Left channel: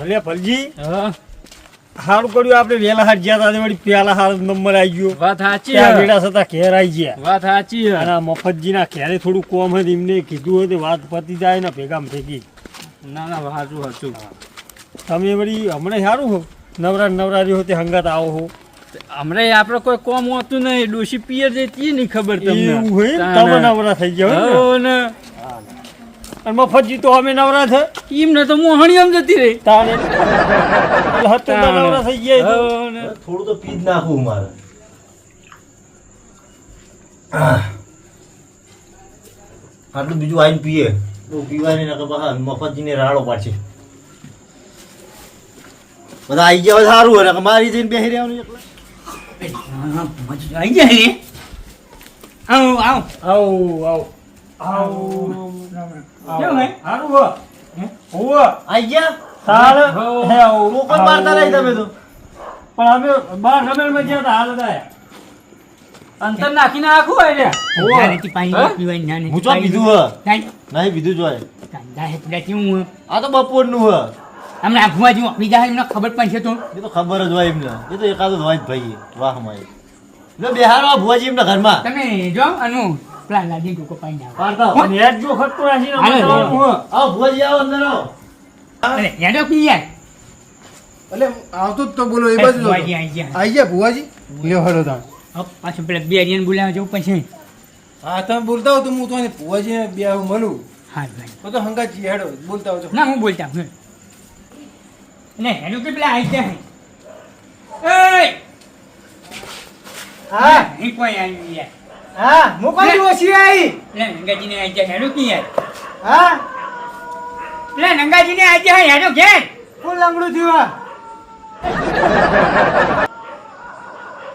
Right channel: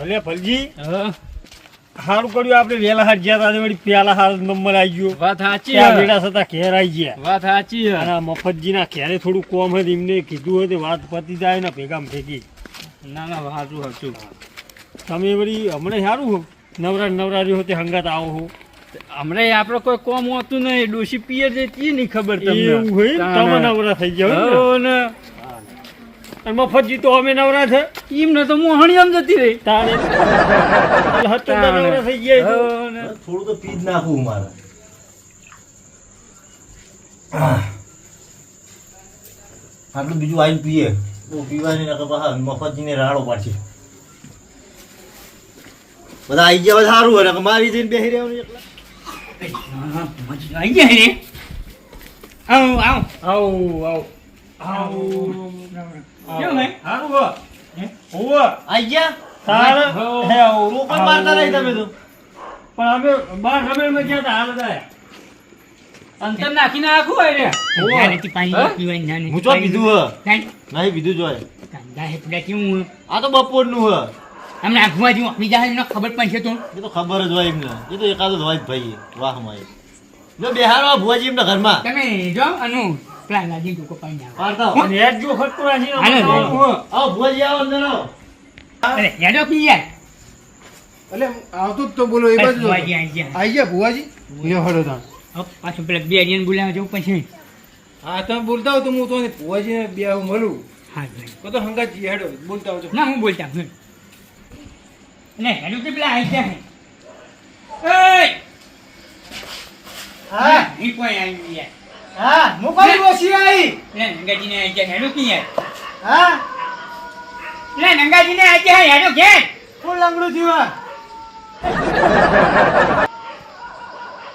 અલે ફલજી હા સારું કર્યું આપણે વેલા હાથ ગયા હતા વળી પેલા હાલ નંબર આવી ગયો. વાત સાચી ત્યાં વેલા થતા ઘેર આવી ગયા. વાત સાચી અને આ મફતજીના ઘેરે થોડું કોમ હતું એમને કીધું હોય તો વાત પતી જાય ને ભેગા ભેગી. ના ના સાચું સાચું. તમે વળી હમણાં સારું હો નવરારી હોતે હંગાત આવો હો. હમણાં આપણે કોઈ કોમ હોતું નહીં ડોશી પિયર જતી નહીં ખબર તમને એવું હોય તમે નવરા થઈ ગયા હોય ને. ને અને મફતજી તો અમે નવરા છે એમને તો મોહણી આમ જતી રહી તારે હતો તો નવરા થઈ ગયા તો. થોડું તો પી જ નાખવું મારે. આટલું બીજું આવીને પીએ તો પીવાની ના મફતજીને રાડો પાડશે. બધા આવી ગયા હોય સારું હોય મારી જઈને બેસી રહેવાનું. આવી જાય ને આવ આવ આવો આવો કેમ હે સારું હો હોવે આવી ગયા તારે હે આવો મોકલ મારતા નહીં તમે તો. પણ અમે બાર રમેલમાં ગયા હતા હાલ હતા. અંતર નાખીને આખું હોય રે નાની પાણી પીવાની નાની હું ચો કીધું હ કાંઈ નહીં બીજું જોય. કાંદા હે પેલા કેવું આ તો બપોરનું હ હમણાં આઘુમાં જેવું બીજા એમને ખબર પણ છે તો એ તો ખબર જ હોય એમને. એ તો એકાદ જ હોય જ ભાઈ વાહ માય લો બેહારો ભુવાજી એમના ઘરમાં તમે જો અનુ પેલા લાજી ટૂંકો પાણી આવો પાડતા અને હેડ જો ખટકો રાખીને અમે હાલો, જવાનું હો. આવો ભુવાજી આવો અંદર આવો. અરે હેડો પી યાર એટલે આવતો જ તો બોલો એ બાજુ જ હતો. ભુવાજી આઈ ગયા આઈ ગયા ભુવાજી લ્યો હળો તાણ. હવે પાછું પેલા બે અડિયાને બોલાવવા જવું પછી હા તમે બોલતા હો તો હું તો ભુવાજીને બે આવું મળું હા ભાઈ તો તો હંગાજી હેડો બોલતા હો તો. ના હું બોલતા હું ને હેડો કે પેલા આઈ ગયા એ હા નહીં કોઈ આવી યાર હા મોકલી ઓછી આવી. લે નંગાજીને આઈ ગયા હેડો કે યાર હા લે નંગાજીને આઈ ગયા હેડો ઘેર કોણ લંગડું થયું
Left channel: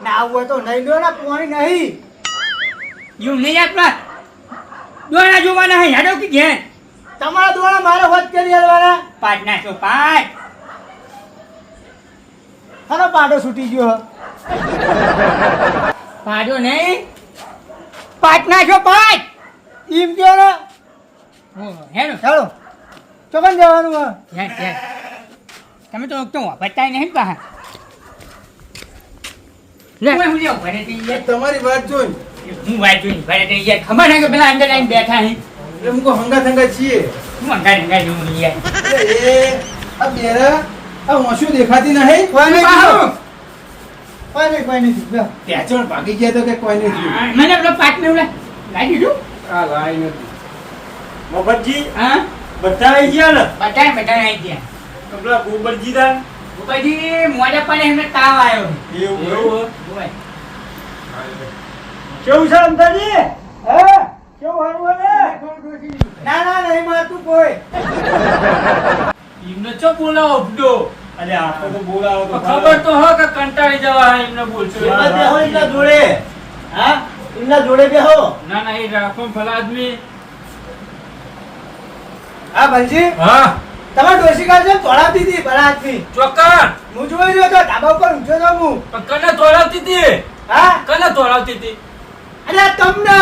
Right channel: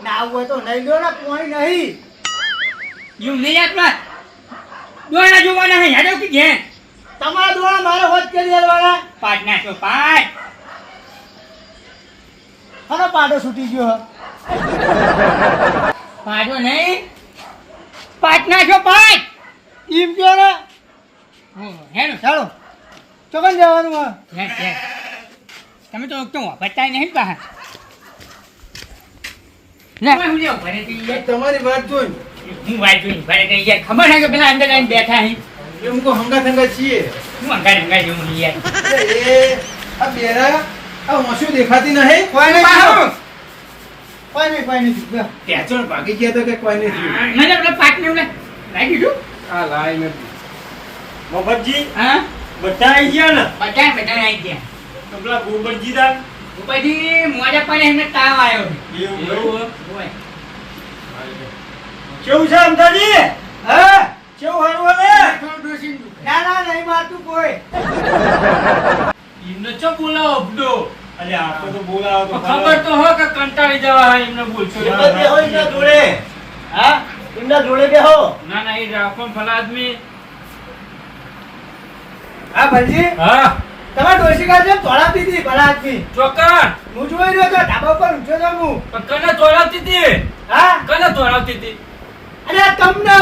ના આવું હોય તો નહીં લો ને પોણી નહીં. એવું નહીં આપણા દોણા જોવાના હે હેડો કે ઘેર તમારા દ્વારા મારે હોત કરી હાલવાના. પાટ નાખો પાટ આનો પાડો છૂટી ગયો. પાડો નહીં પાટ નાખો પાટ એમ કયો ને હેડો ચાલો ચોકન જવાનું હા. હેડ હેડ તમે તો વાપરતા નહીં બહાર લે હું લેવ ભરે તે યાર તમારી વાત જોઈ હું વાઈ જોઈને ભરે તે યાર ખબર હે કે પેલા અંદર લાઈન બેઠા હે એટલે મુકો હંગા છીએ. હું અંગા જેવું યાર અરે એ આ બેરા આ હોંશું દેખાતી નહીં. કોઈ નહીં પાડો. કોઈ નહીં બેહો. પેચણ ભાગી ગયા તો કે કોઈ નહીં થયું. મને પેલા પાટ ને ઓલા લાગી દીધું આ લાઈ નથી. મફતજી હા બધા આવી ગયા ને બધા આવી ગયા તો પેલા ગોબરજી દા પછી મોજા પડે એમને તાવ આવ્યો એવું હોય. હોય કેવું છે અંતાજી હા કેવું હારું હવે ના ના નહીં મારતું કોઈ. એમને ચો બોલાવો અબડો અરે આપણે તો બોલાવો તો ખબર તો હો કે કંટાળી જવા હા એમને બોલશો એમના બેહો એમના જોડે. હા એમના જોડે બેહો. ના ના એ રાખો ભલા આદમી હા ભાઈજી હા તમારે ડોસી કાઢે તોડાવતી હતી ભલા આદમી. ચોક્કસ હું જોઈ રહ્યો હતો ધાબા ઉપર ઊંચો તો હું. પણ કને તોડાવતી હતી હા કને તોડાવતી હતી અરે આ તમને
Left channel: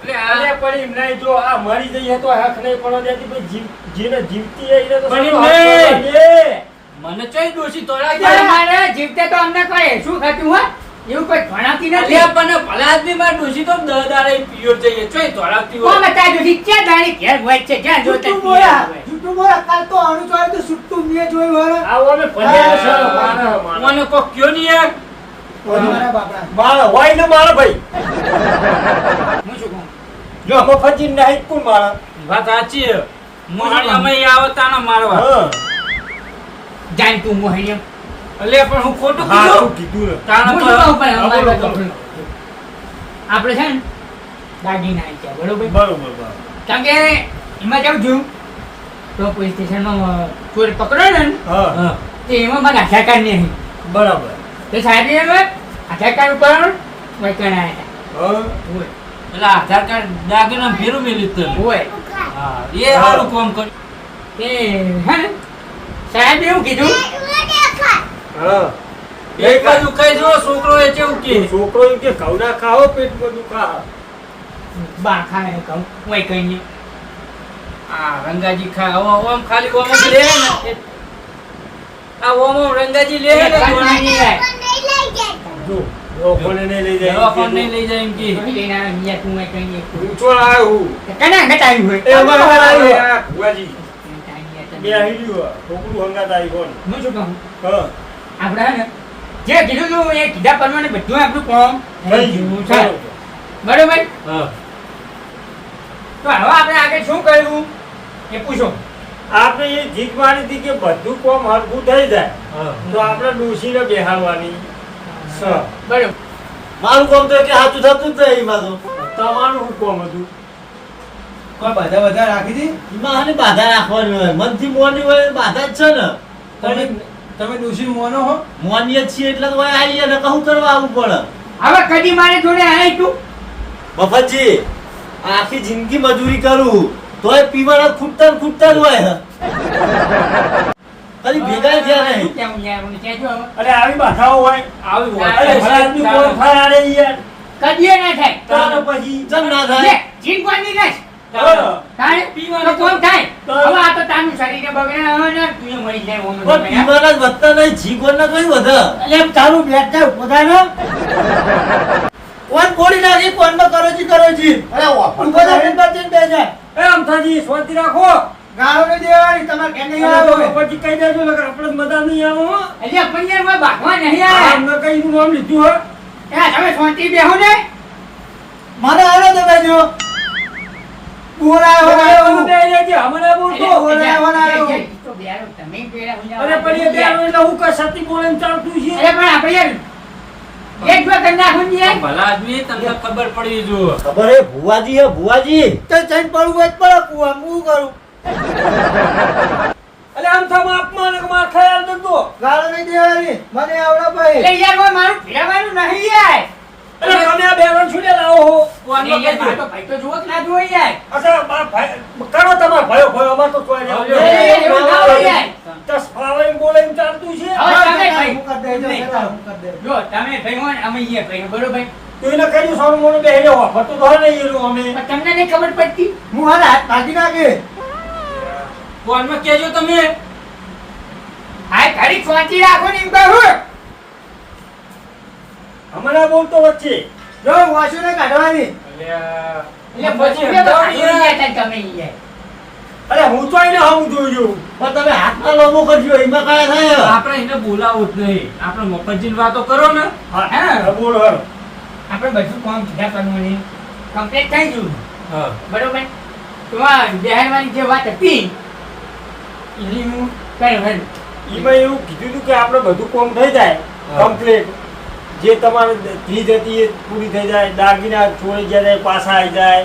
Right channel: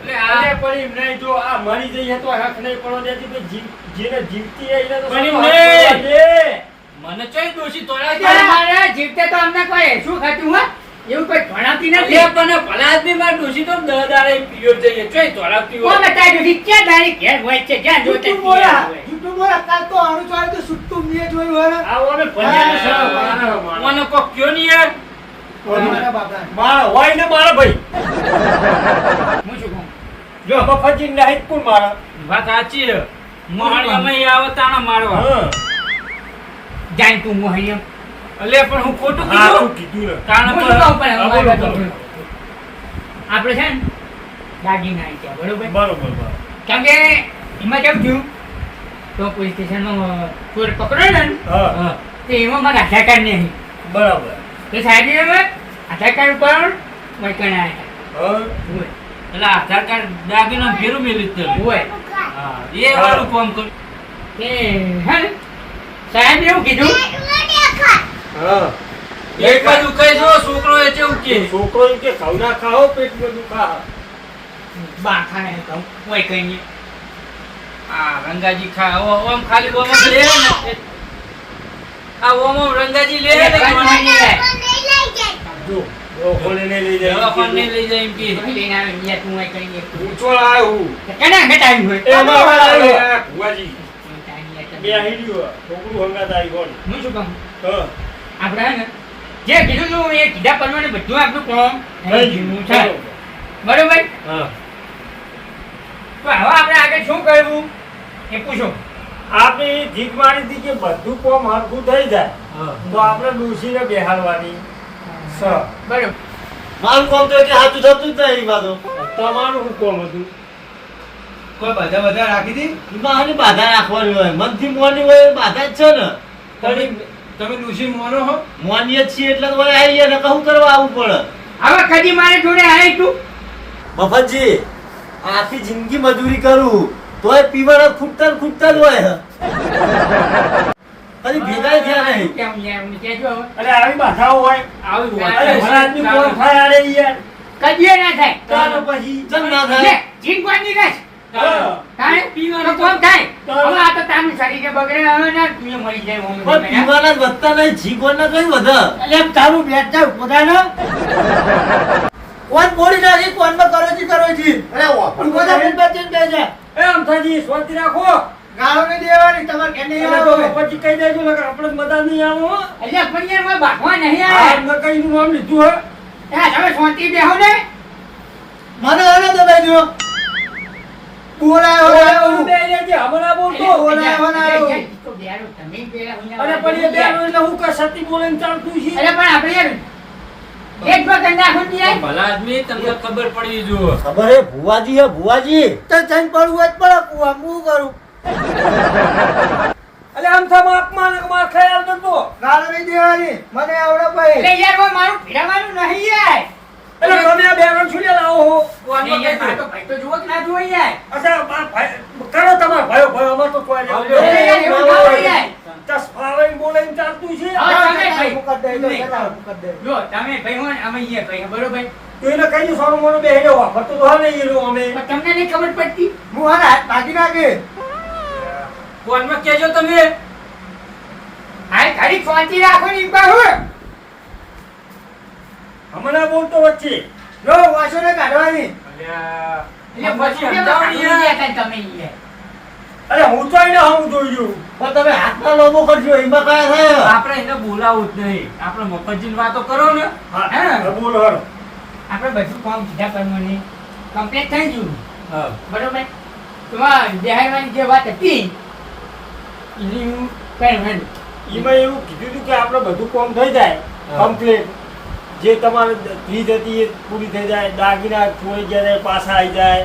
એટલે અરે આ પણ એમ નહીં જો આ મરી જઈએ તો હક નહીં પડવા દેતી ભાઈ જેને જીવતી હોય એને તો પણ સારું એમ હક નહીં. પડવા દે. મને ચોય દોશી તોડાવતી પણ મારે જીવતે તો અમને કોઈ શું ખાતું હોય એવું કોઈ ભણાવતી નથી અલ્યા પણ ભલા આદમી માં દોશી તો દહદારે પિયોર જઈએ ચોય તોડાવતી કોણ હોય બતાવ્યું છે? ક્યાં ગાડી ઘેર હોય છે જ્યાં જોતા જુઠ્ઠું ત્યાં બોલા હોય. જુઠ્ઠું બોલા કાલ તો આનું ચાલ્યું તો સુટ્ટું મેં જોયું હોય. આવો ને ભજ્યા છે મારા મારા. મને કોક કયો નહીં યાર મારા બાપડા. મારા હોય ને મારા ભાઈ હું શું કહું? જો મફતજી નહીં કોણ મારા વાત સાચી છે મોહણી અમે આવતાના મારવા હા જાન તું મોહણીઓ. અલે પણ હું ખોટું હા કીધું શું કીધું ને કારણ હું તો શું કહું પણ હા, અમારી બોલો, વાત બોલો. સાંભળો. આપણે છે ને દાગીના આવી ગયા બરોબર બરોબર બરોબર કેમ કે એમાં જવું છું તો પોલીસ સ્ટેશનમાં ચોર પકડ્યો ને હા હા. તો એમાં મારા આધાર કાર્ડ નહીં બરાબર તો સાહેબ આધાર કાર્ડ ઉપર વૈકણ આવ્યા હા હોય એટલે આધાર કાર્ડ દાગીના ભેરું મેલી તને હોય હા એ સારું કામ કર્યું તે હા ને સાહેબ એવું કીધું હા એક બાજુ કઈ જો છોકરો એ કેવું કે છોકરો એમ કે ઘઉં ના ખાઓ પેટ બધું ખા બા ખાને કહું વૈકણ આ રંગાજી ખા આમ ખાલી ઓમ જ રહે ને આ ઓમો રંગાજી લે લે જો દવાખાને નહીં લઈ જાય દવાખાને નહીં લઈ જાય એમ કે કોઈ લઈને આવે, બીજા તું હોય કંઈ એક. ઊંચો આવ્યું કના ઘટાડ્યું હોય? એ અમારે આવ્યો ભુવાજી બે હીડ્યું છોકરું હંગાત આવી કોણ હું શું કહું? હા આપણે હે ને, જે કીધું તું એ કીધા પ્રમાણે બધું આપણું કામ થઈ ગયું છે. બરોબર? હા તો હવે આપણે આગળ શું કરવું એ પૂછો. આપણે એ જીત મારી હતી કે બધું કોમ હરખું થઈ જાય હા તો આપણે ડોશીને બેહાડવાની સ બરોબર. મારું કામ તો કે સાચું થતું જ નહીં એમાં તો તમારું શું કોમ હતું કોઈ બધા રાખી દી એમાં હાની બાધા રાખવાની હોય મનથી મોની હોય એ બાધા જ છે ને તમે તમે ડોશી મોનો હો મોનીએ જ છીએ એટલે તો હોય આવીએ ને કહું કરવા આવવું પડે હવે કદી મારે જોડે આવી તું મફતજી આખી જિંદગી મજૂરી કરું તોય પીવાના ખૂટતા ને ખૂટતા જ હોય ખાલી ભેગા થયા નહીં કેમ યાર મને કહેજો હવે. અરે આવી બાધાઓ હોય આવી અરે વાત ભલા આદમી કોણ થાય અરે યાર કદીએ ના થાય. તારો પછી ચમ ના લે, થાય જીન કોની ને હા. તારે પીવાનું કોણ થાય? હવે આ તો તારું શરીર બગડે હવે ને તું મરી જાય ઓમ પણ પીવાના જ વધતા નહીં જીગોના કઈ વધે એટલે તારું બેટા પોતાનો કોણ બોલી નાખી કોનમાં કરો જી અરે ઉભો થા બેન બચીને બે જાય એ અમથાજી શાંતિ રાખો ગાળો ને દેવાની તમારે કે નહીં અરે આવે તો પછી કહી દેજો નકર આપણે મજા નહીં આવો હો. અલ્યા પણ યાર કોઈ ભાગવા નહીં આ આવે. ન કઈ નું નામ લીધું હો ત્યાં તમે શાંતિ બેહો ને. મને આને તો બેજો ઓલું બોલાવો બે જાય છે, હમણાં બોલતો અરે તો બેરો તમે પેલા અરે પણ એ બે એટલે હું કે સતી બોલે ને ચાલતું છે અરે પણ આપણે યાર એક બે કન્યા ખુંજી યાર. ભલા આદમી તમને ખબર પડવી જોઈએ ખબર હે ભુવાજી તો જઈને પડવું જ પડે કુવા હું કરું એટલે આમ થા બાપમાં ને માર ખ્યાલ નતો ગાળો નહીં દેવાની મને આવડે ભાઈ એટલે યાર કોઈ મારું ભેળવાનું નહીં યાર. એટલે તમે આ બે રણ છોડે લાવો હો અરે યાર મારો ભાઈ તો જુઓ કે ના જુઓ યાર. અચ્છા બા ભાઈ કરો તમાર ભાઈઓ ભાઈઓ અમાર તો કોઈ આવજો. નહીં. અરે યાર એવું ના હોય યાર. દસ ફાવે બોલે ને ચાલતું છે હા, તમે ભાઈ. મુકદ દેજો નહીં. જો તમે ભાઈ હોય ને અમે ઈએ ભાઈ બરોબર. તો એને કઈ સારું મોનું બેહી જવા ફરતું તો હા નહીં એનું અમે પણ તમને નહીં ખબર પડતી. હું હાથ ભાગી નાખે ફોનમાં કહેજો તમે આ ઘડી શાંતિ રાખો ને એમ કહું. હમણાં બોલતો વચ્ચે જો વાસુ ને કાઢવાની એટલે પછી ભાગી ગયા હતા તમે યાર. અરે હું તો આઈને હું જોઈ જોઉં પણ તમે હાથમાં લોબો કરજો એમાં કયા થાય આપણે એને બોલાવવું જ નહીં આપણે મફતજીની વાતો કરો ને હા હા. હા, બોલો હરો આપણે બધું કામ કીધા કરવાની કમ્પ્લીટ થઈ ગયું હા બરોબર. તમારે બિહારવાની જે વાત હતી એની હું કરું. એમાં એવું કીધું હતું કે આપણે બધું કામ થઈ જાય હા. કમ્પ્લીટ જે તમારે ફીજ હતી એ પૂરી થઈ જાય દાગીના છોડી ગયા જાય પાછા આવી જાય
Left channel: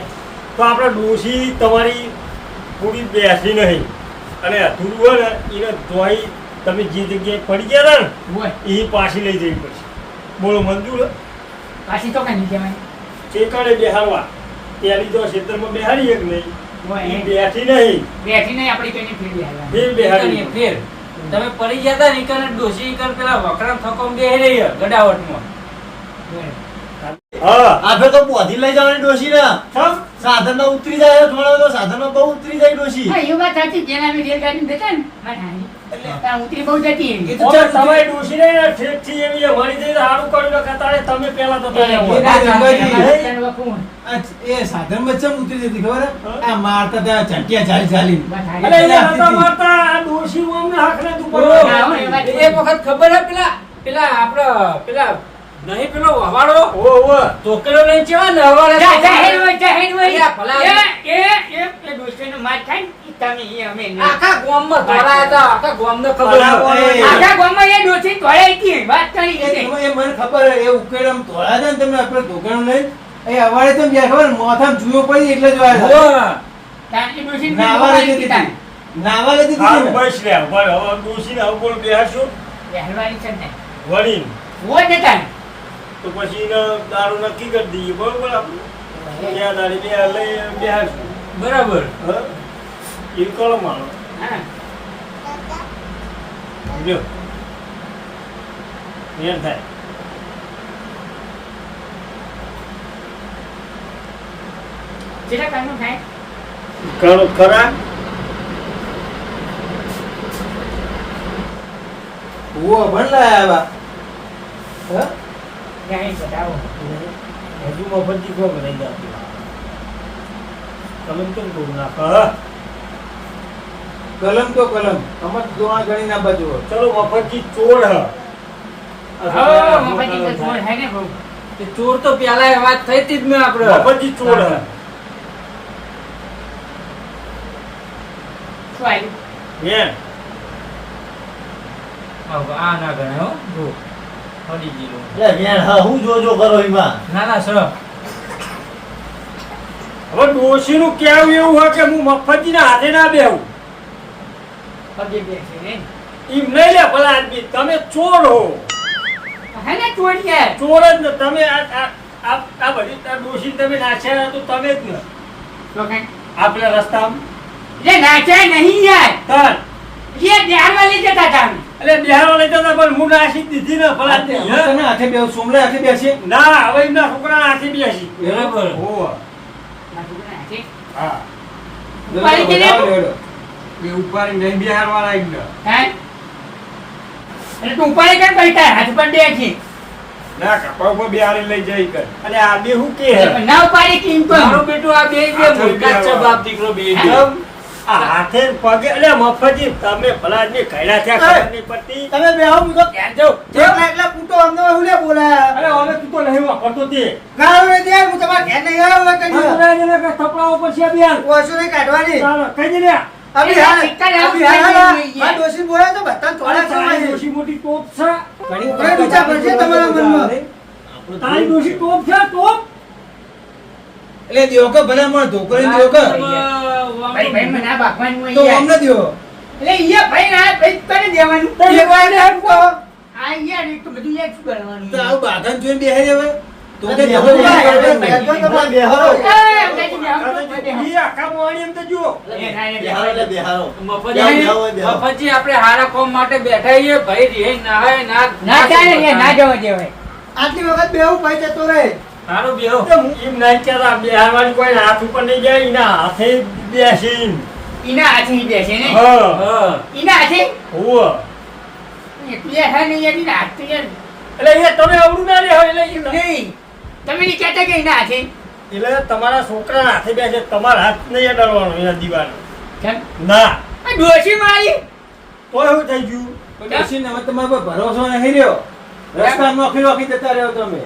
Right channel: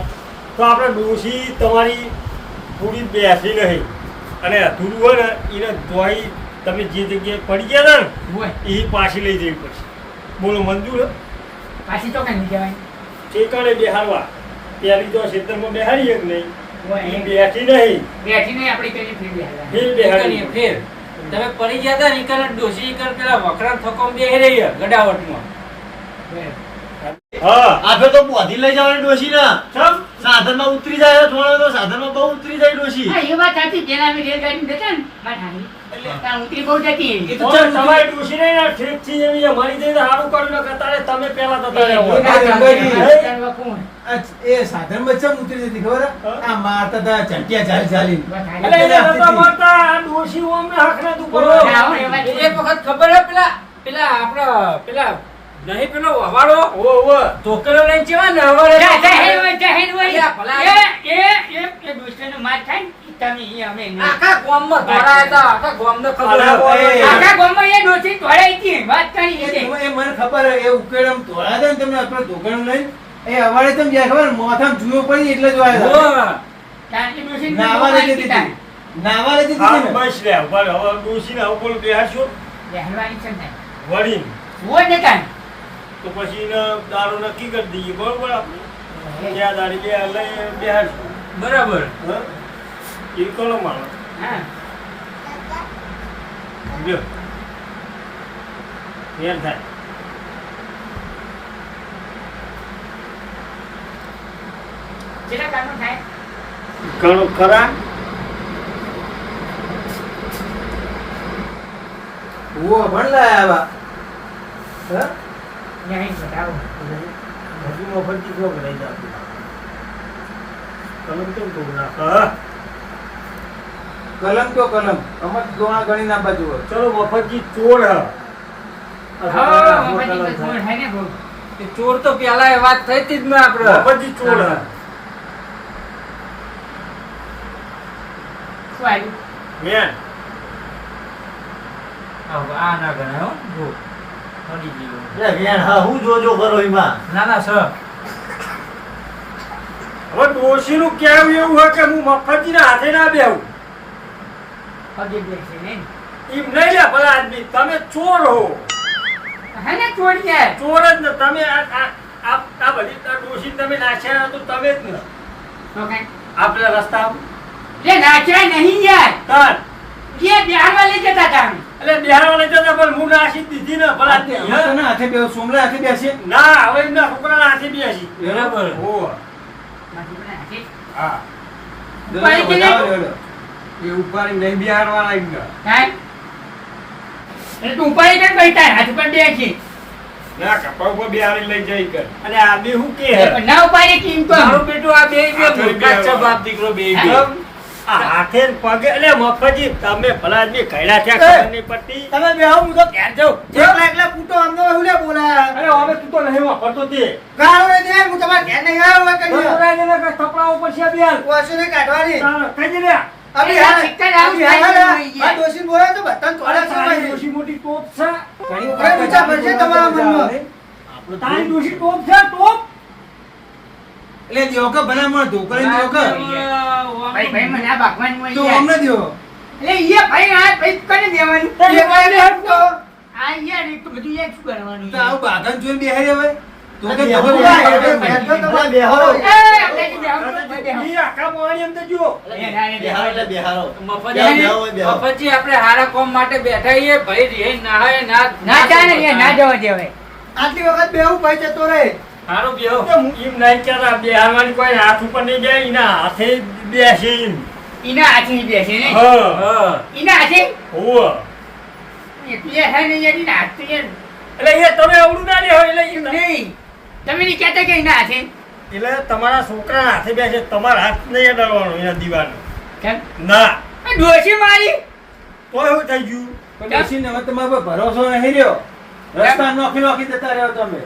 તો આપણે ડોશી તમારી પૂરી બેસી નહીં અને અધૂરું હોય ને એને ધોઈ તમે જે જગ્યાએ પડી ગયા હતા હોય ને એ પાછી લઈ જવી પડશે બોલો મંજૂર હે? પાછી તો કઈ જવાય. ઠેકાણે બેહાડવા પેલી તો ક્ષેત્રમાં બેહાડી એક નહીં હોય એ એ બેઠી નહીં બેઠી નહીં આપણી કઈ ફેર બિહારવાની. ફેર બેહાડી ફેર તમે પડી ગયા હતા ને ઈ કારણ ડોશી ઈ કારણ પેલા વકરામ થકોમ બેહી રહી છે ગડાવટમાં હા આપે તો બોધી લઈ જવાની ડોશી ને સમ સાધનમાં ઉતરી જાય થોડા તો સાધનમાં બહુ ઉતરી જાય ડોશી હા, એ વાત સાચી. જેના અમે રેલગાડી જતા ને મારી નાની, ત્યાં ઉતરી બહુ જતી એવી. તો તમારી ડોશી ને યાર ઠેકથી એવી મળી જઈને સારું કર્યું ને કે તારે તમે પહેલા તો એ તને ભેગા હોય. રંગાજી. થયા, તને વખું. એ સાધન વચ્ચે ઉતરી જતી ખબર હે? આ મારતા હતા ચંટિયા ચાલી ચાલી વાત સાચી. અરે યાર નતા મારતા આ ડોશી અમને હાકને તું કરો. હા, હો, એ વાત એક વખત ખબર હે પેલા પેલા આપડે પેલા નહીં પેલો વવાડો ઓ ઓ છોકરો લઈને કેવા ને હવારે જાહેર હોય, જાહેર હોય. અલ્યા, ભલા. એ દોસ્તોનો માર થાય ને, ઈ તમે ઈ અમે નહીં. આખા ગામમાં ધોળાયા હતા આખા ગામને ખબર બરાબર. હતી. આખા ગામમાં એ ડોસી તોડાઈ હતી. વાત કરી એ છે. તમે- એ મને ખબર હે, એ ઉકેડમ તોડા હતા ને તમે આપણે ધોકણું લઈને એ અવાડે તમે જ્યાં ખબર મોથામાં જુઓ પડી એટલે જ વાળા હોવે. તારી ડોસીને નાવા મારી લેતી દીધા. હતી નાવા લેતી હા હતી ને બસ લે ઉભા રહો. હવે ડોશીને હવે બોલ બેહાડશો બેહરવાની છે ને. વળીને હોય ને તારે. તો પછી એને દારૂ નક્કી કરી દઈએ બરોબર આપણે ત્યાં દાડી બે લઈ બેહાડશું બરાબર હા એ કરો માણો હા. લ્યો ફેર થાય કેટલા કામનું થાય? ઘણું ખરા ઓ ભણ લાયા આવા હા નહીં બતાવો. હજુ મફતજી કોણ રહી જાય તમે કેમ કહું નાખ કલમ તો કલમ અમર દોણા ગણી ના બાજુ હોય. ચલો મફતજી ચોર હા, મફતજી તો ચોર હે ને બહુ. એ ચોર તો પેલા વાત થઈ હતી જ મેં આપણે મફતજી ચોર શું આવ્યું? મેં આ ના ગણાય હો જો હડી ગયેલો લે વેણ હા હું જોજો કરો એમાં ના ના સર હવે ડોશીનું કહેવું એવું હોય કે હું મફતજીના હાથે ના બેહું પગે બેસે ને. એમ નહીં લે ભલા આદમી તમે ચોર હો હે ને ચોર છે. ચોર જ ને તમે આ બધી ડોશી તમે નાખ્યા તો તમે જ ને તો કાંઈ આ પેલા રસ્તામાં લે નાચાય નહીં યાર. તાર જે બિહારમાં લઈ જતા હતા અમે. એટલે બિહારમાં લઈ જતા પણ હું નાસી જ દીધી ને ભલા આદમી, અમે હે? તને હાથે બેહો સોમલે હાથે બેસીએ ના હવે એમના છોકરાના હાથે બેસી બરાબર. હોવે. માથું પણ હાથે. હા ઉપાડી દે ને. બતાવો લેવડો. એ ઉપાડી નહીં બિહારવાળા એમને હા? એટલે તું ઉપાડી કેમ બેઠા? હાથ પર બેસી. ના કપા ઉપર બિહારી લઈ જઈ કર અને આદમી શું કે હે? પણ ના ઉપાડી કેમ તો? મારો બેટો આ બે મૂર્ખા જ છે બાપ દીકરો બે આમ આ હાથે ને પગે એટલે મફતજી તમે ભલા આદમી કઈડા ત્યાં ખબર નહીં પડતી તમે બેહો હું તો ક્યાં જાઉં? એકલા એકલા પૂટો અમને હું લે બોલાયા અરે હવે તું તો નહીં વાપરતો તે ગાળો રે દે હું તમારા ઘેર નહીં આવ્યો હોય કઈ બોલાય ને કે થપડાઓ પછી આ બિહાર ઓછું નહીં કાઢવાની ચાલો કઈ દે લે અભી એ હાલ ટીકા લાવો, અભી હાલ ખાઈ આ દોશી બોલાય તો બધા અરે થોડા તારી થોડા ડોશી મોટી ટોપ છે ઘણી વખત ઊંચા પડશે તમારા મનમાં તારી ડોશી ટોપ છે ટોપ એટલે દેવો કે ભલા મને ઢોકળી દેવો કે ભાઈ ભાઈ મને આ ભાગવાનું હોય તો યાર. અમને દેવો એટલે ઈ ભાઈ ના ભાઈ કરી દેવાનું. એ ભાઈ ને હટકો આ યાર એ તો બધું એક શું કરવાનું તો આવું બાગન જોઈને બેહી હવે તો કે બેહો, ઢોકળી બેહો, બોલાય. બેહો, બેહો, બેહો. એ અંગ્રેજી બેહો, બેહો. ઈ આખા મોણી એમ તો જુઓ બેહારો એટલે બેહારો. મફતજી બેહો, બેહો. મફતજી આપણે હારા કોમ માટે બેઠા છીએ ભાઈ રે નાહાય ના ના ચાલે યાર, ના જવા દેવાય. આટલી વખત બેહું ભાઈ જતો રહે હારો બેહો એમ નહીં કહેતા બિહારવાળી કોઈ હાથ ઉપર નહીં જાય એના હાથે બેસી ઈના હાથે ઈ બેસે ને. હા હા ઈના હાથે હોવે. એટલે હે ને યાર ઈના હાથે યાર. એટલે એ તમે અવળું ના લે એટલે ઈ નહીં. તમે નહીં કહેતા કે ઈના હાથે? એટલે તમારા છોકરાના હાથે બેસે તમારા હાથ નહીં અડાડવાનો એના દીવાનો કેમ? ના આ ડોશી મારી. કોઈ શું થઈ ગયું તો ડોશીને હવે તમારા પર ભરોસો નહીં રહ્યો રસ્તા નોખી નોખી જતા રહ્યો તમે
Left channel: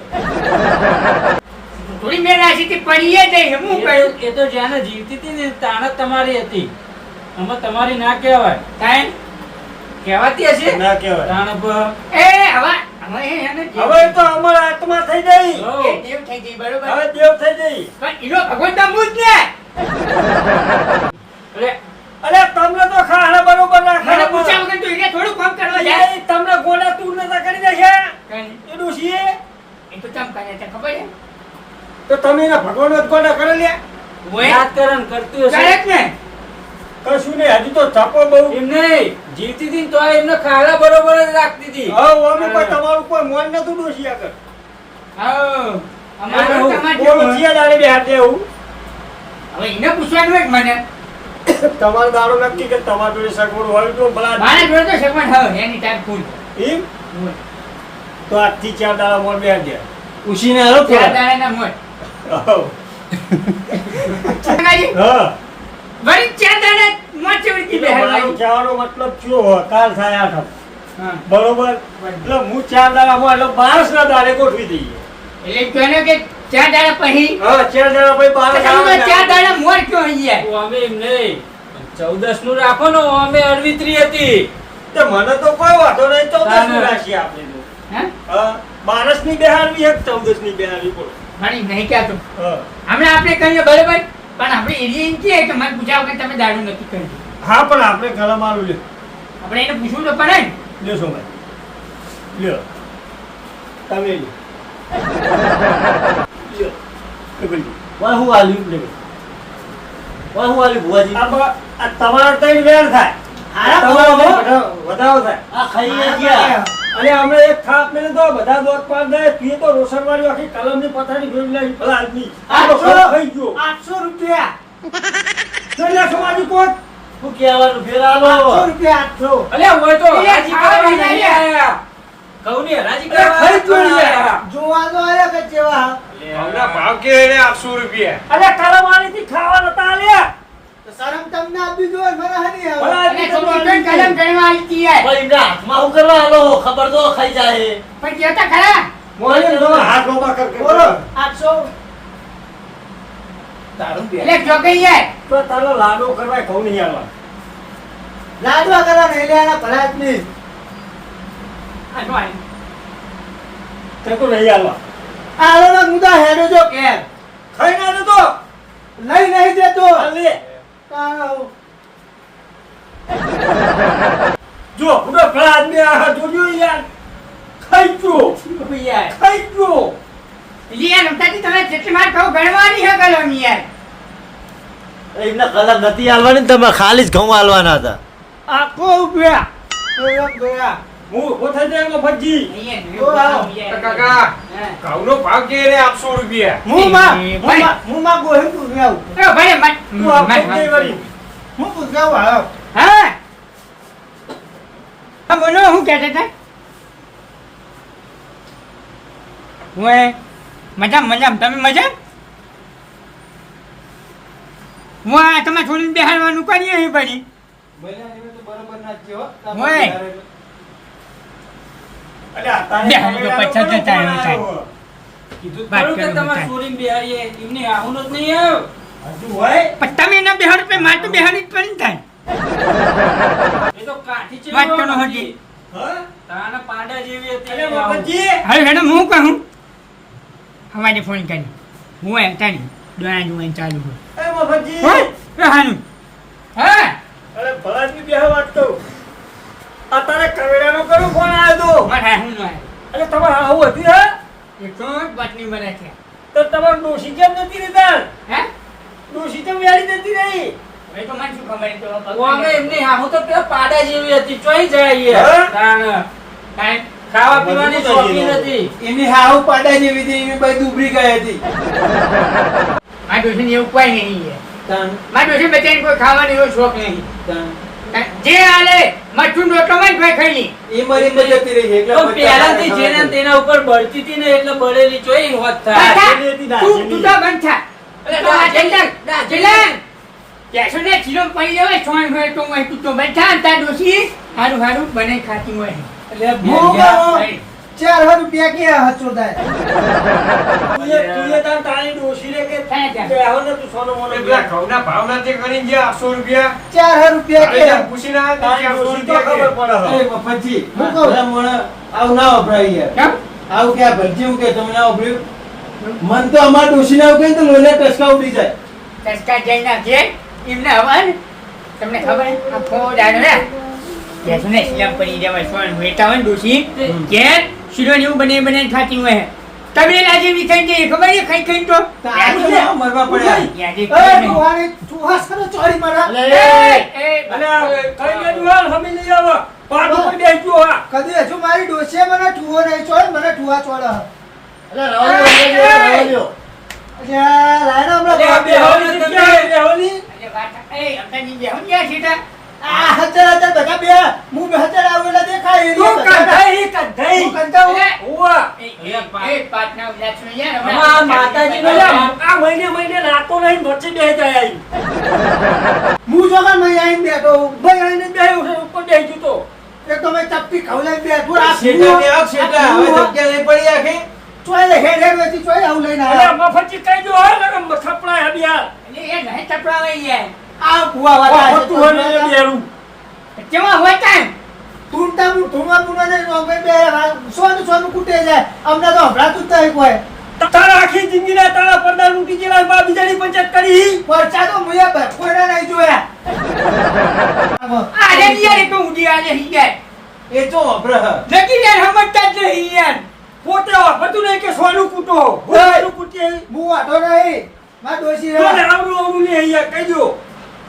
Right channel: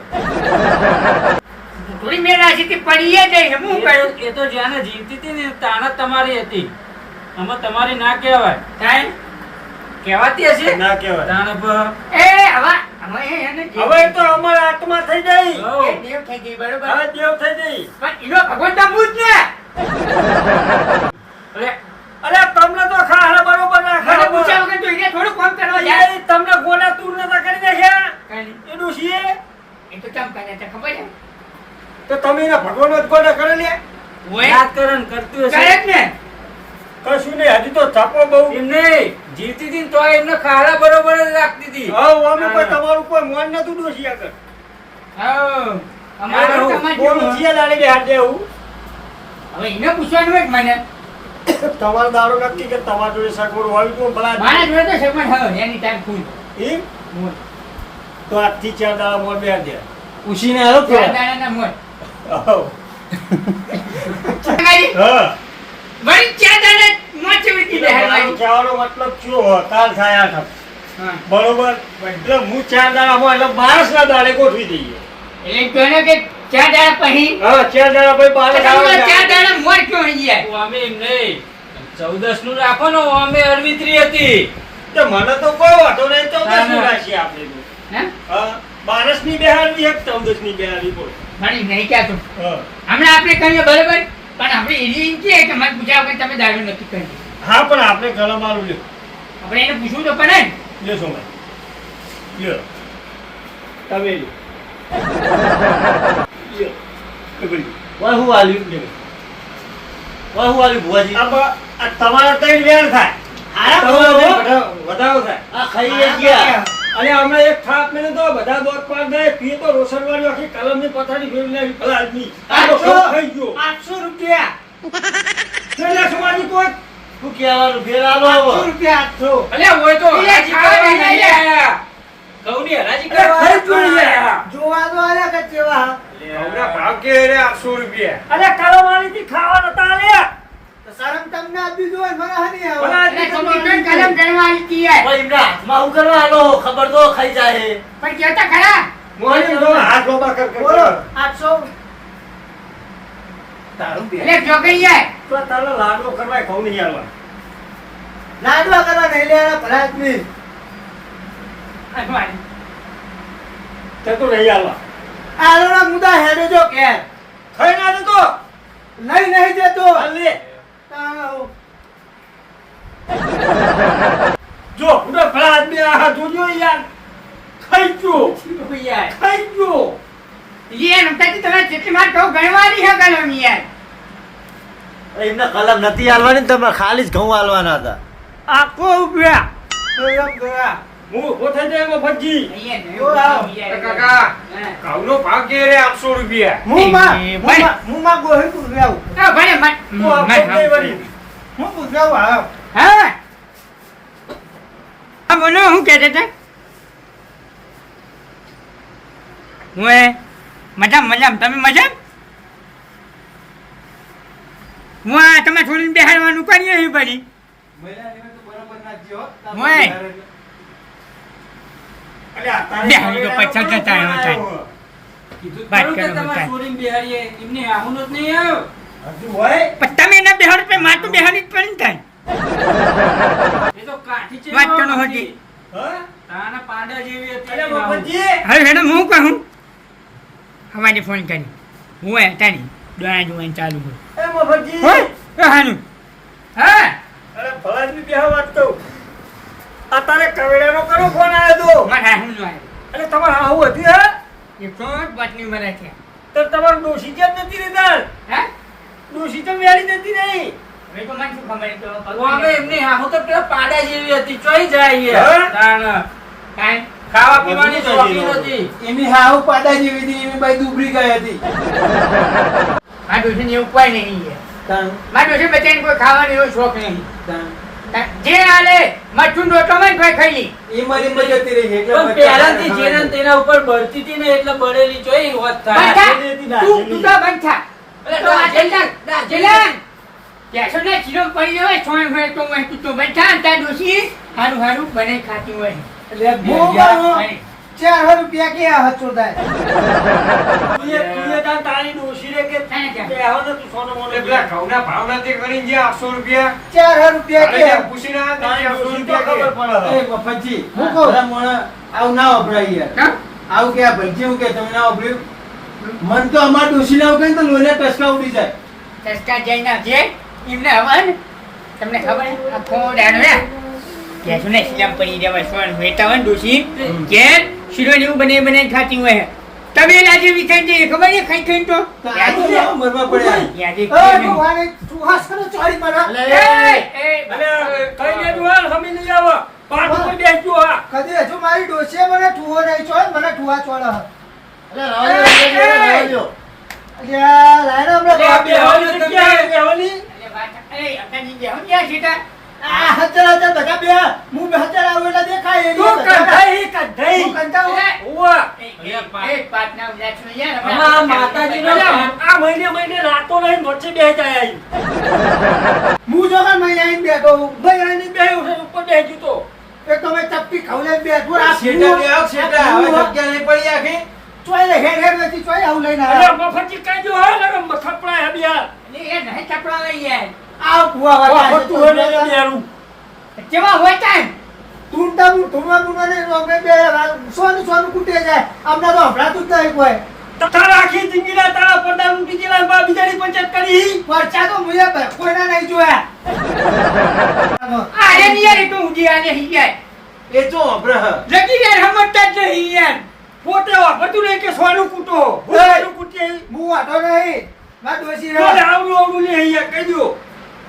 થોડી મેં રાશીથી પડીએ જઈ હું કહ્યું એ તો જ્યાં જીવતી હતી ને તાણ જ તમારી હતી આમાં તમારી ના કહેવાય કાંઈ? કહેવાતી હશે ના કહેવાય તાણ પર એ હવે એને હવે એ તો અમારા આત્મા થઈ ગઈ હો. એ દેવ થઈ ગઈ બરોબર. હવે દેવ થઈ ગઈ પણ ઈનો ભગવાન તો હું જ ને. અરે અરે તમને તો ખાડા બરોબર ના મને પૂછ્યા ખાડા વગર તો એને થોડું કામ કરવા જાય. તમને ગોડા તું નતા કરી દેશે કાંઈ. એ ડોશીએ એ તો ચમ કરે છે ખબર છે? તો તમે એના ભગવાનનો જ ગોડા કરે લે ઓય, યાદ કરણ કરતું કરે હશે જ ને. કશું નહીં હજી તો છાપો બહુ એમ નહીં જીવતી હતી ને તો એમને ખાડા બરોબર જ રાખતી હતી હા અમે કોઈ તમારું કોઈ મોન નતું ડોશી આગળ હા. અમારે હું તમારે બોલું જેવું. છીએ દાડે બે હાથે એવું હવે એને પૂછવાનું હોય કે મને. તમારો દાડો નક્કી કે તમારા જોડે સગવડ હોય તો ભલા મારા જોડે તો સગવડ હવે એની ટાઈમ ફૂલ. એમ તો આજથી 4 દાડા મોર બે દે ઉશીને હાલો ચાર થોડા દાડાના મોય. હા ચંગાજી, વળી ચાર દાડા મોય ચેવી રીતે બેહાડવાની? કહેવાનો મતલબ કયો કાલ થાય આઠમ હા. બરોબર એટલે હું 4 દાડામાં એટલે 12 ના દાડે ગોઠવી દઈએ એટલે કહે કે ચાર દાડા પછી હા 4 દાડા પછી તો 12 તમે ચાર દાડા મોર ક્યો અહીં યાર? તો અમે એમ નહીં 14 નું રાખો ને અમે અરવિત્રી હતી તો મને તો કોઈ વાંધો નહીં 14 ના, નું ના. રાખીએ આપણે તો. હે? હા 12 ની બેહાડવી એક 14 ની બેહાડવી બોલો વળી નહીં કહેતો. હા હમણાં આપણે કહીએ બરોબર, પણ આપણે એની એમ કહે કે મને પૂછ્યા વગર તમે દારૂ નથી કરી. હા પણ આપણે ગળા મારું લ્યો આપણે એને પૂછવું તો પડે ને. લ્યો સોમાઈ લ્યો તમે લ્યો લ્યો કબડી વાહ, હું આલ્યું લ્યો વાહ, હું આલ્યું ભુવાજી આ તમારો ત્રણ વેર થાય હારા તમારો ભુવા, વધારો થાય આ ખાઈએ ગયા અને અમે એક થાપ મેં તો બધા દોત પાડ દે પીએ તો રોશનવાળી આખી કલમની પથારી ફેરવી નાખી ભલા આદમી આ તો 800 થઈ ગયો 800 રૂપિયા કેટલા સમાજી કોટ શું કહેવાનું ફેર આલો 800 રૂપિયા 800. અલ્યા હોય તો એ હરાજી ખાવા કરવા નહીં નહીં આયા. આયા. ઘઉંની હરાજી અરે કરવા ખાઈ જોઈએ. આયા. જોવા તો આયા કે કેવા હા. ઘઉંના ભાવ કે રે 800 રૂપિયા. અરે કલમાણીથી ખાવા નતા આલ્યા. તો શરમ તમને આપી દો મને હની આવે. ભલા એટલે છોકરી તો કલમ કરવા આલી યાર. ભાઈ એમના હાથમાં હું કરવા આલો ખબર તો ખાઈ જાય પણ કહેતા ખરા મોહન જો હાથ લોબા કર કર બોલો કર. 800. તારું બે એટલે છોકરી યાર તો તારો લાડો કરવા ઘઉં નહીં આલવા. લાડવા કરવા નહીં લેવાના ભરાત નહીં. તે તો નહીં આલવા. આલોના મુદ્દા હેડો જો કે ખાઈ ના જતો. લઈ નહીં દેતો. આલે. તારો જો પૂરો ભલા આદમી આ જોજો યાર. ખાઈ ગયો. યાર ખાઈ ગયો. યાર નમતાથી તમે જેટલી માર કહું ગણવાની હે કલમ યાર. એમને કલમ નથી આલવાની ને તમે ખાલી જ ઘઉં આલવાના હતા આખો ઉભ્યા. ગોળા ગોળા. હું ઉભો થઈ જાય એમાં ભજી. અહીંયા નહીં ઓ વાવ. યાર. કાકા. હા. ઘઉંનો ભાવ કે રે 800 રૂપિયા. હું માં ગોહી પૂછાવું. તો ભલે મત હું આપતો જ નહીં વળી. હું પૂછાવું હા. હા આ બોલો હું કહેતા હતા હું મજામ મજામ તમે મજામ હું આ તમે છોડીને બેહાડવાનું કરીએ અહીં પડી મહિનાની તો બરોબર ના જ હો. ઓય. અરે આ તારે બે હાલી તો પૈસા જતા રહ્યો છે. કીધું વાત ખરું કે કરો તમારે બધા. ચોરીને બેહાડીએ. એમને આહુનો જ નહીં આવ્યો. હજુ હોય. પણ તમે એના બેહાડ પે માર તો બેહાડી જ પડી ને થાય એ તો કાઠી છે વાત કરો હજી. હા? તાના પાંડા જેવી હતી. અરે આહુ. બાપજી. હવે મેડમ હું કહું હવારે ફોન કરી હું તારી દોણા જોવાની ચાલુ હોય એ બાપજી. હોય હાનું હા અરે ભલા આદમી બેહવા વાત કહું. આ તારે કવેરાનો કરો ફોન આવ્યો તો. મારા હું નો આવ્યો અરે તમારે આવું હતું હે? એ તો પત્ની મને છે તો તમારે ડોશી કેમ નથી રહેતા? હે ડોશી તો વેરી નથી રહી. હવે તો મને શું ખબર એ તો ઓ અમે એમની આહુ તો પેલા પાંડા જેવી હતી. ચોઈ જાય હા? એ. તાણ. કાંઈ ખાવા પીવાની બધું થઈ શોખીન ગયું. હતી. એની હાવ પાડા જેવી હતી એની બાઈ દુબળી ગઈ હતી. મારા ડોશીને એવું કોઈ નહીં છે તાન મારા ડોશી બચાઈને કોઈ ખાવાનો એવો શોખ નહીં તાન જે હાલે મઠું રોટલો માં ખાઈ ખાઈ લી એ મારી મજતી રહી એટલે તો પહેલાથી જેના ને તેના ઉપર બળતી હતી ને એટલે બળેલી ચોઈ હોત થાય. નાચેલી હતી, તું તું નાચેલી. તો બંધ થા અરે તો આ નાચેલી, જલ્લા જલ્લા કેસો ને ચીરો પડી જાય છોણ હોય તો હું તું તો બંધ થા અને તાર ડોશી હારું હારું બને ખાતી હોય એટલે હું 400 રૂપિયા કે હાથ ચોદાય. તું એ તાર તારી ડોશીને કે ક્યાં ક્યાં? બેહો ને તું સોનો મોનો એટલા ઘઉંના ભાવ નથી કરી ગયા 800 રૂપિયા 400 રૂપિયા તારે કે ત્યાં પૂછીને આવ્યા તારી તા 800 ડોશી તો રૂપિયા ખબર કે. પડે અરે મફતજી હું કહું ભલા મોણા આવું ના વપરાય યાર. કેમ? આવું કે આ ભલજી હું કે તમે ના વપરાયું. મન તો અમાર ડોશીને આવું કહે ને તો લોહીના ટસકા ઉડી જાય. તસ્કા જઈને આવજે એમને હવે ને તમને ખબર હે? આ ફોડાનો ને કેસો ને સિલમ પડી જાય છોણ વેતા હોય ને ડોશી કે શીરો ને એવું બને બને ખાતી હોય તમે લાજે વિખાઈ જાય ખબર છે ખાઈ ખાઈ તો તારું ના મરવા પડે. યાદી અરે ભગવાન ચૂહાસ કરો ચોરી મારા. અલે કઈ લેતું હાલ હમી લઈ આવો. પાટ ઉપર બેસજો હા. કદી હજુ મારી ડોશીએ મને ઠુવો નહીં ચોર મને ઠુવા ચોળો. અરે રવા દો અલ્યા લાયરો હમણાં અરે આ બેહોની જગ્યાએ બેહોની. એ અટની જે હું યા સીધા આ હજાર બધા બે હું 2000 આવું એટલે દેખાય તું કંધાઈ કંધાઈ. હું કંટાળું. ઓવા. એ પાટના લક્ષ્મી યાર આમાં માતાજીનો અલે આ મહિને મહિને રાતો નહીં વચ્ચે બેહી જાય આઈ. હું જો કાં નહીં આવીને બેઠો હું. ભાઈ આઈને બેહ્યો છે ઉપર બેહી ગયો તો. એક તો મેં ચપટી ખવડાવીને બેઠું. આ શેઠા ભૂવો- બે આવ શેઠા આ હવે ભૂવો જગ્યા નહીં પડી આખી ચોય લે હેડ હેડ વેચી ચોય આવું લઈને અલે આવ્યા. મફતી કઈ જો હા લગમ થપડા હે બિયા. એ નહીં તપડાવે યાર આ ભૂવા વાળા ઓ ફટું હે ને બેરું. કેમાં હોય કાંઈ તુંટા હું ધૂણવા બુણવા નહીં રોમે બે સોનું સોનું કૂટે જાય અમને તો હભરાતું જ નહીં કોઈ. તારા આખી જિંદગીના તારા પડદા લૂંટી ગયેલા બા બીજાની પંચાયત કરી. પરચા તો મુએ કોઈના નહીં જોયા. અરે યાર એ તો ઊંધી આલે હી યાર એ ચો અભ્રહ નથી યાર સમજતા જ નહીં યાર પોતે વાપરતું નહીં કે સોનું કૂટો. સોનું કૂટે. હું વાંધો નહીં માર ડોશી હે. બોલે આવડું આવડું નહીં અહીંયા કહી દો.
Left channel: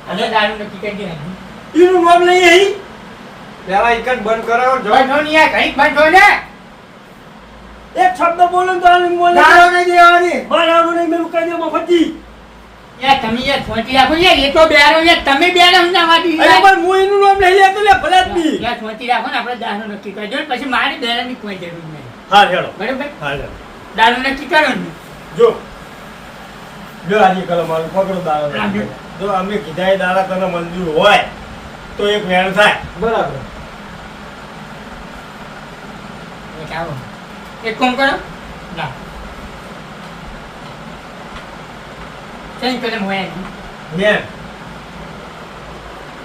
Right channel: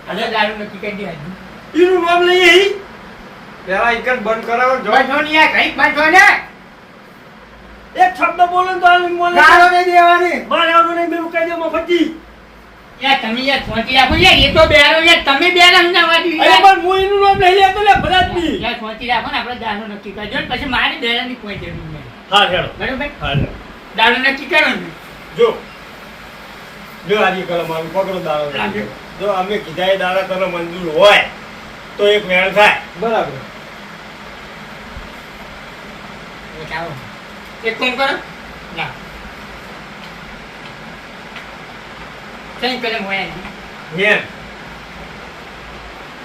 અરે દારૂ નથી કરી દે એનું નામ લઈએ અહીં. પેલા એક જ બંધ કરાવો જો બંધો ને યાર ઘડીક બંધો ને એક શબ્દ બોલો ને તો આમ બોલે. દારૂ નહીં દેવાની. મારે આવડું નહીં મેં કહી દો મફતી. યાર તમે યાર છોટી રાખો યાર એ તો બેરો યાર તમે બેરો ના વાટી અરે પણ હું એનું નામ લઈ લેતો લે ભલાદમી. યાર છોટી રાખો ને આપણે દારૂ નક્કી કરજો ને પછી મારી બેરાની કોઈ જરૂર નહીં હા હેડો. બરોબર હા હેડો. દારૂ નક્કી કરો ને જો આજે કલમ મારું પકડો દાડા. આપજો. જો અમે કીધા એ દાડા તમે મંજૂર હોય તો એક વેણ થાય. બરાબર એક આવો એક કોમ કરો ના કઈ કલમ હોય નહીં વેણ.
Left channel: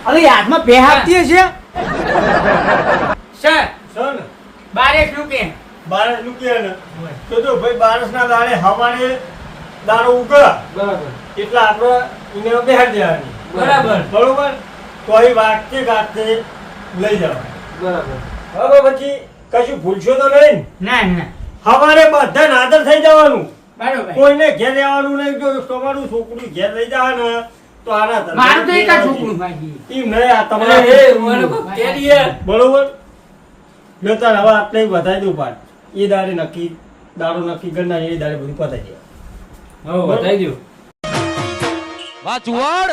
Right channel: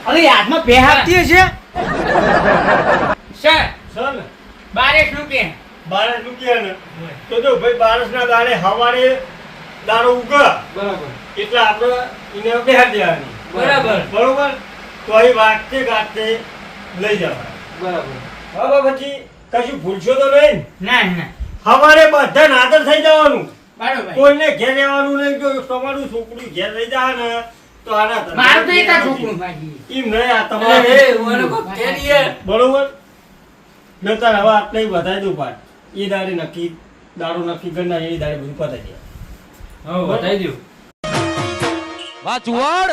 અરે હાથમાં બે આપતી હશે સર સર ને બારેક રૂકે બારસ મૂકીએ ને તો જો ભાઈ બારસના દાડે હવારે દાડો ઉગે બરાબર એટલે આપણે એને બેહાર દેવાની. બરાબર. બરોબર. તો એ વાગતે ગાતે લઈ જવા. બરાબર હવે પછી કશું ભૂલશો તો નહીં. ના ના હવારે બધા નાદર થઈ જવાનું. બરોબર કોઈને ઘેર રહેવાનું નહીં. જો તમારું છોકરું ઘેર લઈ જાય ને તો આના ધંધા મારું તો એક જ ઘેર છોકરું આવશે. ભાઈ એમ નહીં આ અરે તમારા એ મને કોક કહે દી યાર. બરોબર. મેં તાર હવે આટલે વધારી દઉં પાડ. એ દાડે નક્કી દાડો નક્કી કરનાર એ દાડે બધું પતાઈ દે. હો બતાવી દ્યો. વાહ ચુવાડ